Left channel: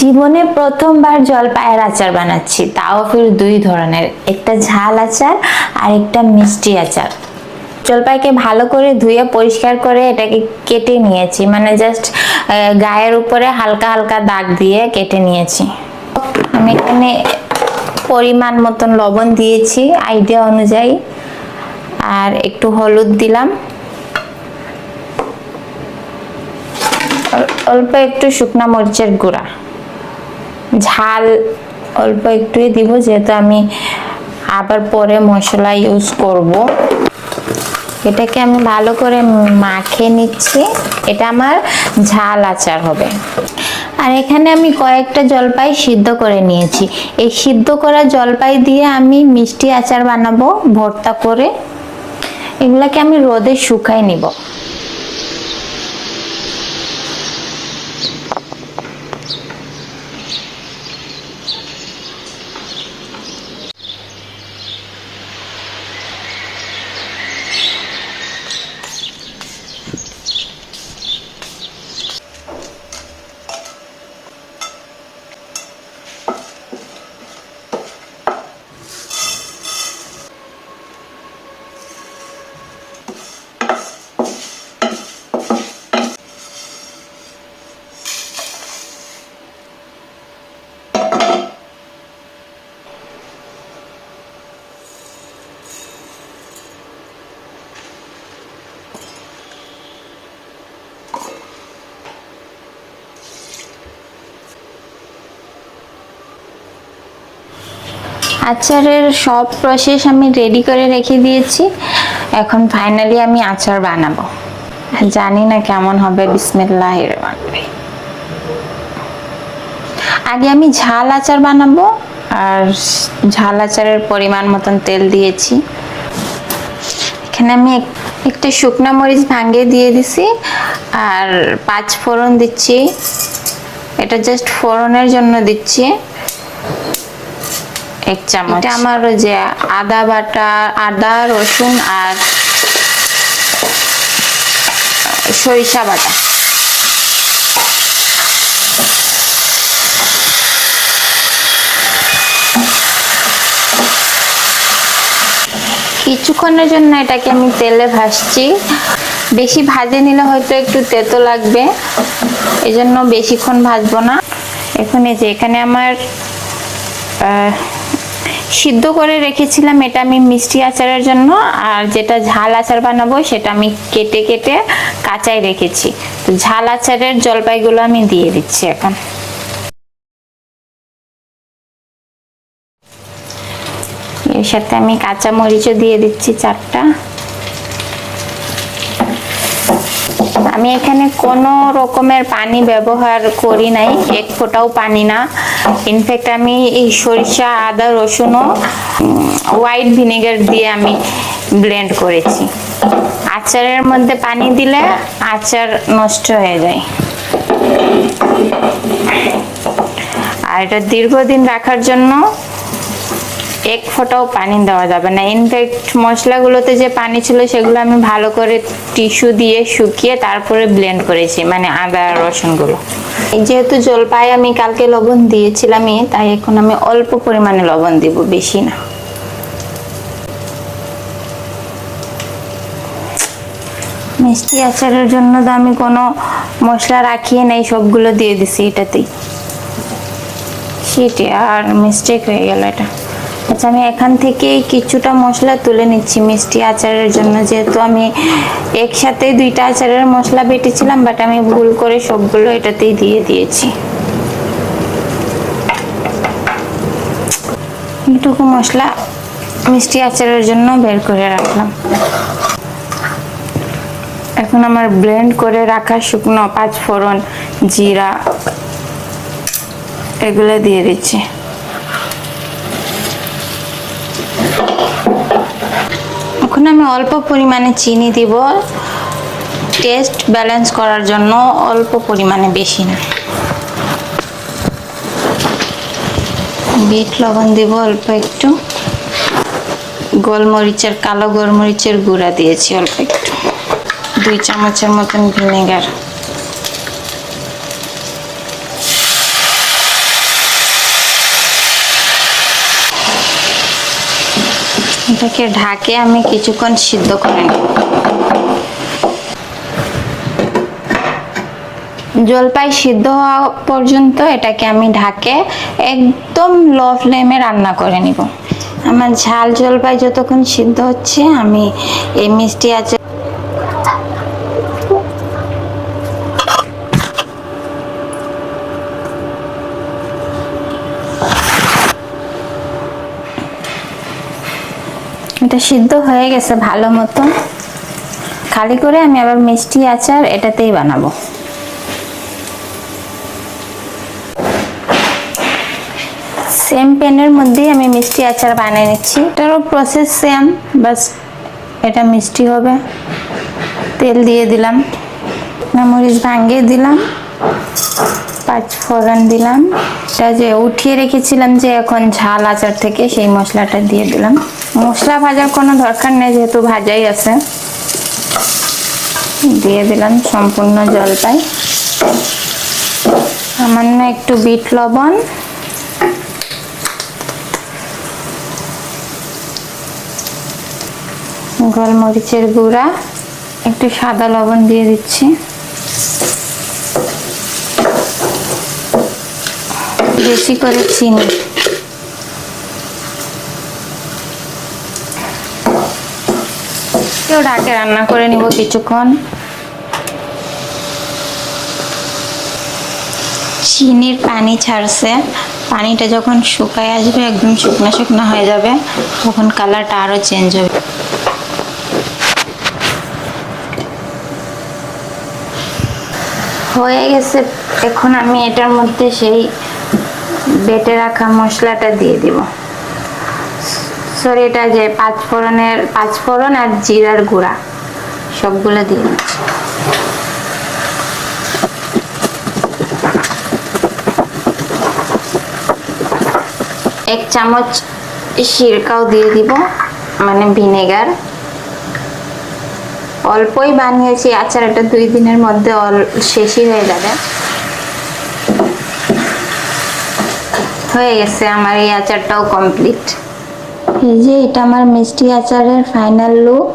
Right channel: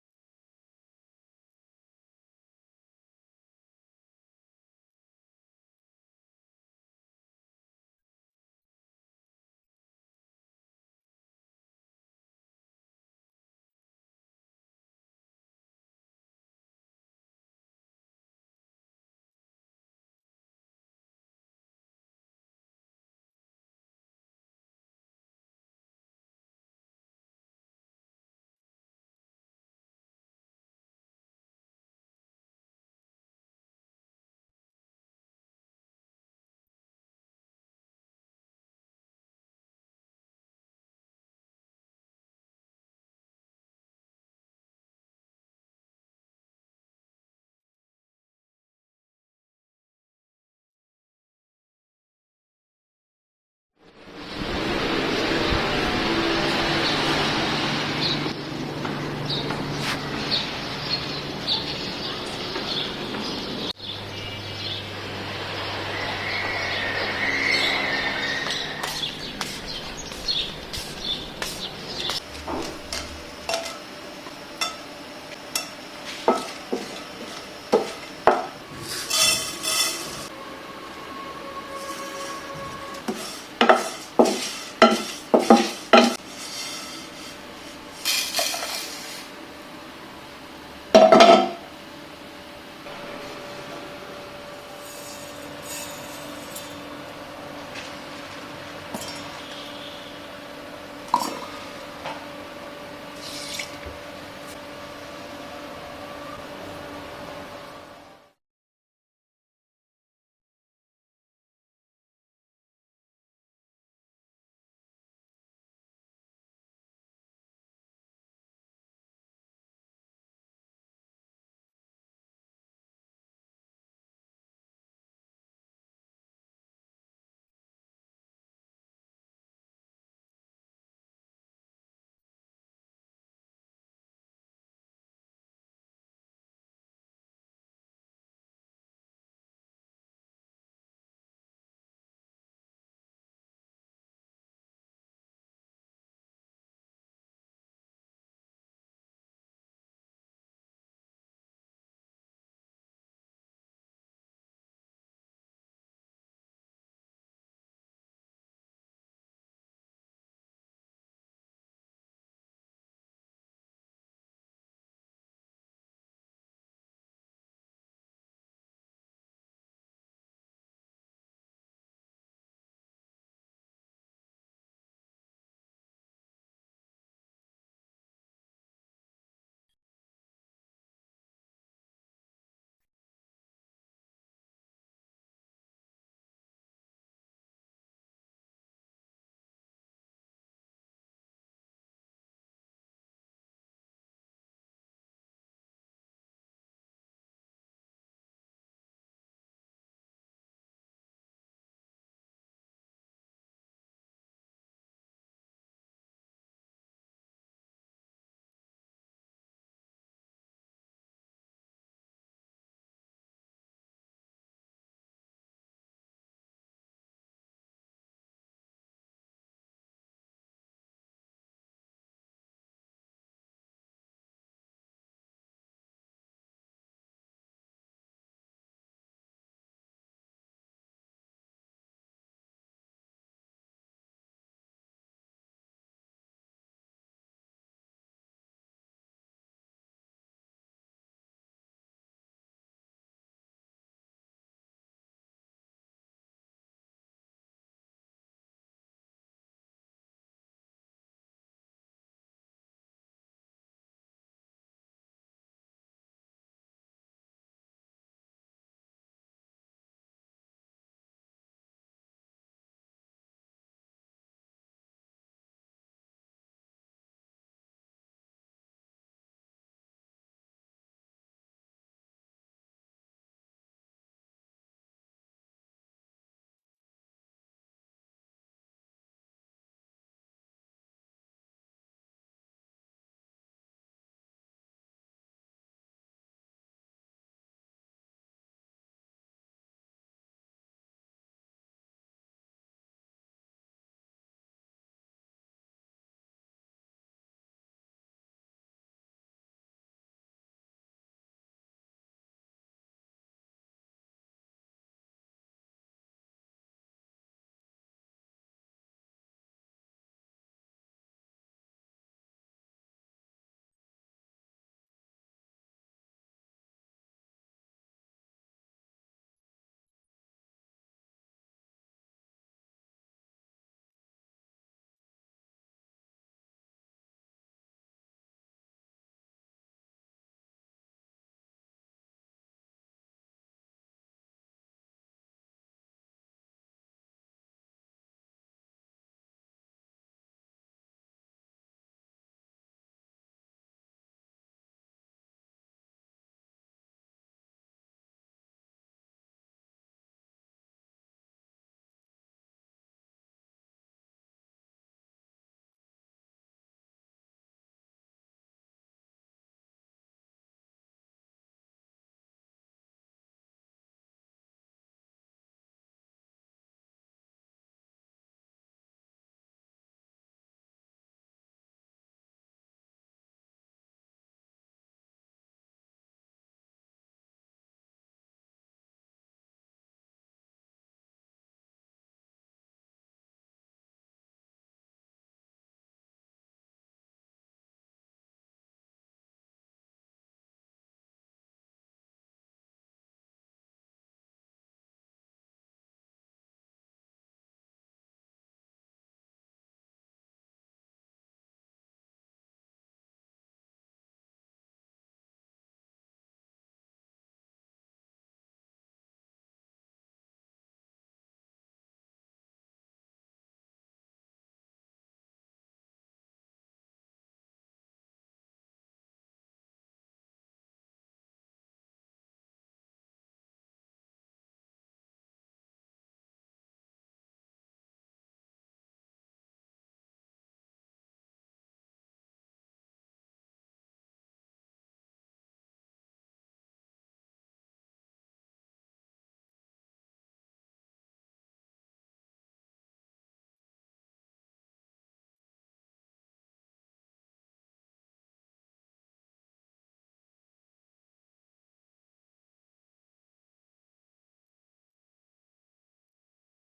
জীবনে প্রথমবার জলপাইয়ের আচার বানাচ্ছি, তাও ফির দুই ধরনের, একটা ঝাল আচার আর একটা মিষ্টি আচার। জলপাইকে ভালো করে ধুয়ে পরিষ্কার করে এটাকে কেটে নিয়েছি, মানে জাস্ট গায়ের উপরে হালকা হালকা দাগ দিয়ে কেটে নিয়েছি। আমি এখানে পরিমাণ মতন লবণ দিয়েছি আইডিয়া অনুযায়ী, আর একটু হলুদ দিলাম, অল্প একটু শুকনা মরিচের গুঁড়া, ঝাল অল্প একটুই দিব যেহেতু আমি আবার পরে মশলা ইউজ করব। এটাকে আমি ভালো করে মাখিয়ে নিচ্ছি, এটা আমার ঝাল আচার হবে। আর এখানে আমি কয়েকটা জলপাই সিদ্ধ করে নিয়েছি, এই সিদ্ধ করা জলপাই দিয়ে আমি মিষ্টি আচার বানাবো ভর্তা করে। এগুলাকে আমি রোদে শুকাই নিব। আচারের সব প্রসেস আমি রেডি করে রেখে দিয়েছি, এখন ফাইনালি আমি আচার বানাবো। জানি না কেমন হবে, বিসমিল্লাহির রহমানির রহিম। আগে আমি ঝাল আচার বানাবো, আর ঝাল আচারের পরিমাণ মতন তেল দিয়েছি। এখানে আমি একটা শুকনা মরিচ ভাঙিয়ে দিয়ে দিছি, আর 5 ফোড়ন দিচ্ছি, এটা জাস্ট ফোড়নের জন্য দিচ্ছি। 1 চামচ আমার যে আদা বাটা, আদা রসুন আর সরিষা বাটা। কিছুক্ষণের জন্য এটাকে আমি তেলে ভাজছি, বেশি ভাজে নিলে হয়তো একটু তেতো লাগবে, এজন্য বেশিক্ষণ ভাজবো না। এখন এই যে এখানে আমার সিদ্ধ করে রেখেছিলাম, এটা আমি মিষ্টি আচারের জন্য, আর যেটা ঝাল আচার বানাবো সেটা আমি কেটে কেটে কাঁচাই রেখেছি। তো ঝাল আচারের জলপাইগুলো আমি দিয়ে দিচ্ছি এখন। এর সাথে আমি কাঁচা মরিচও দিয়ে দিচ্ছি 4টা। আমি এখানে কোনো রকমের পানি ব্যবহার করি নাই, 1 ফোঁটাও পানি না। ইনফ্যাক্ট আমি এই সরিষা, আদা, রসুনও হোয়াইট ভিনেগার দিয়ে আমি ব্লেন্ড করেছি। আচারের মধ্যে পানি দিলে আচার নষ্ট হয়ে যায়, আর এটা দীর্ঘদিন রাখার জন্য 1 ফোঁটাও পানি দেওয়া যাবে না। ইনফ্যাক্ট মশলাগুলোতে যে পানি ছিল সেগুলো আমি ভালো করে টিস্যু দিয়ে শুকিয়ে তারপরে ব্লেন্ড করেছি, মানে আদা রসুনগুলো। যেহেতু জলপাই আমি কালকে লবণ দিয়েছিলামই, তাই এখন আমি অল্প পরিমাণে লবণ দিব, বেশি না। মিষ্টি আচারের জন্য তো আমি কোনো মশলা রাখিয়ে নাই, সবগুলো দিয়ে দিছি এটাতেই। সেটি আর মিস্টেক হয়ে গেল এটা। আচ্ছা, আমি এখান থেকে কিছুটা মশলা তুলে নিচ্ছি মিষ্টি আচারের জন্য, যেহেতু আমি একসাথে 2টা আচারের মশলা বেটেছিলাম, বাট আমি ভুল করে সবগুলো এটাতেই দিয়ে দিয়েছি। এইটুকু মশলা মিষ্টি আচারের জন্য বের করে রাখলাম। এখন আমার ব্লেন্ড করে রাখা শুকনো 5 ফোড়ন, জিরা, এগুলো দিয়ে দিচ্ছি। এখন আমি অল্প পরিমাণে চিনি দিব, টেস্ট ব্যালেন্স করার জন্য অল্প পরিমাণে, বেশি না। বিট লবণ দিব অল্প একটু, গোলমরিচের, কালো গোলমরিচের গুঁড়া দিয়েছি অল্প একটু, 2 চামচের মতন ভিনেগার, এটাকে ঢাকে আমি কিছুক্ষণ সিদ্ধ করে নেব। জলপাই সিদ্ধ হওয়া পর্যন্ত এটাকে আমি ঢাকে একদম লো ফ্লেমে রান্না করে নিব। আমার ঝাল জলপাই যতক্ষণ সিদ্ধ হচ্ছে আমি এই মিষ্টি আচার এটা সিদ্ধ হয়ে গেছে ভালো মতো। খালি করে আমি আবার মিষ্টি আচার এটাতেই বানাবো। সেম প্যানের মধ্যেই আমি মিষ্টি আচার বানিয়ে নিচ্ছি। এটারও প্রসেস সেম, বাস এটা মিষ্টি হবে। তেল দিয়ে দিলাম, মরিচ ভাঙিয়ে দিলাম, পাঁচ ফোড়ন দিলাম। এটা যে উঠিয়ে রেখেছিলাম যে এখন ঝাল আচার থেকে, সেই মশলাটা দিয়ে দিলাম। মশলা ভাজার কোনো দরকার নেই যেহেতু ভাজাই আছে। দিয়ে দিলাম সম্পূর্ণ জলপাই, সামান্য একটু বিট লবণ, গোলমরিচের গুঁড়া, একটু সাদা লবণ দিয়ে দিচ্ছি, বেশি করে চিনি। কেউ ঢাকে রান্না করে নিব কিছুক্ষণ। চিনির পানি ছাড়ছে, পানিটা যখন শুকায় আসবে, একদম শুকনো শুকনো হয়ে যাবে, তখন কালারটা আরো চেঞ্জ হবে। হয়ে গেছে। এখন আমি এটার মধ্যে সেই বেটে রাখা মশলাটা দিয়ে দিব। সরি, এটা যে পাঁচফোড়ন আর জিরার গুঁড়া সবগুলো দিয়ে দিচ্ছি। এক চামচ সিরকাও দিয়ে দিব, মানে ভিনেগার। অল্পই বানিয়েছি আচার, এটা 2 দিনের মধ্যে শেষই হয়ে যাবে। হয়ে গেছে আমার এই আচারটাও কমপ্লিট। এই যে এটা আমার মিষ্টি আচারের ফাইনাল লুক।